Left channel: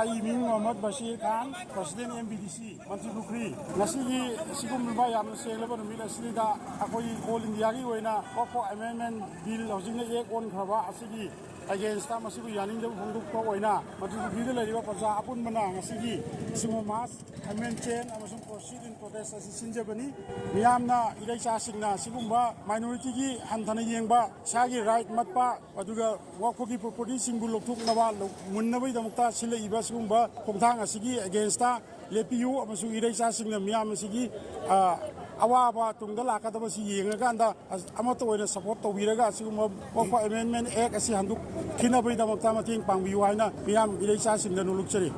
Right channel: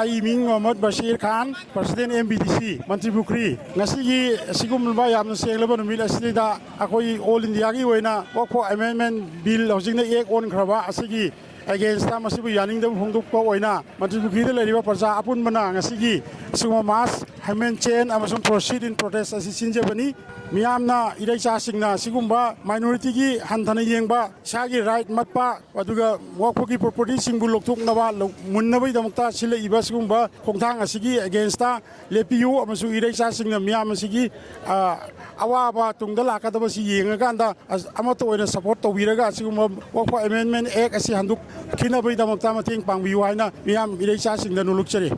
आई मिंग Mohammad Bashir Khan president MBDC मंत्री Pukhri ngasi sigumba yamna senglaba numit asida akoi all india gi oina wako amendment bill hojingna ek on khraba asigi against ta masibu yaning dam hongduk ko oina मंत्री Pukhri de leriba praja apun bana ngasigi suma mas hamen chain amasung proceed in protest asi sinje bani miyamna idai cha singna sigumba minority gi hanthana yengba sagi right matpa aduga wako gi property singbu lokthuk nawa munnabai damukta sile iba sigumba khongthang asigi against ta lepiu amasung idai cha singna miyam asigi awaba tungda lakadaba si yengaga anda amato oina support tawiraga asigumba wako amendment act asi handuk khinabai damukta mating pangbiu haina miyam idai cha singna nulukchari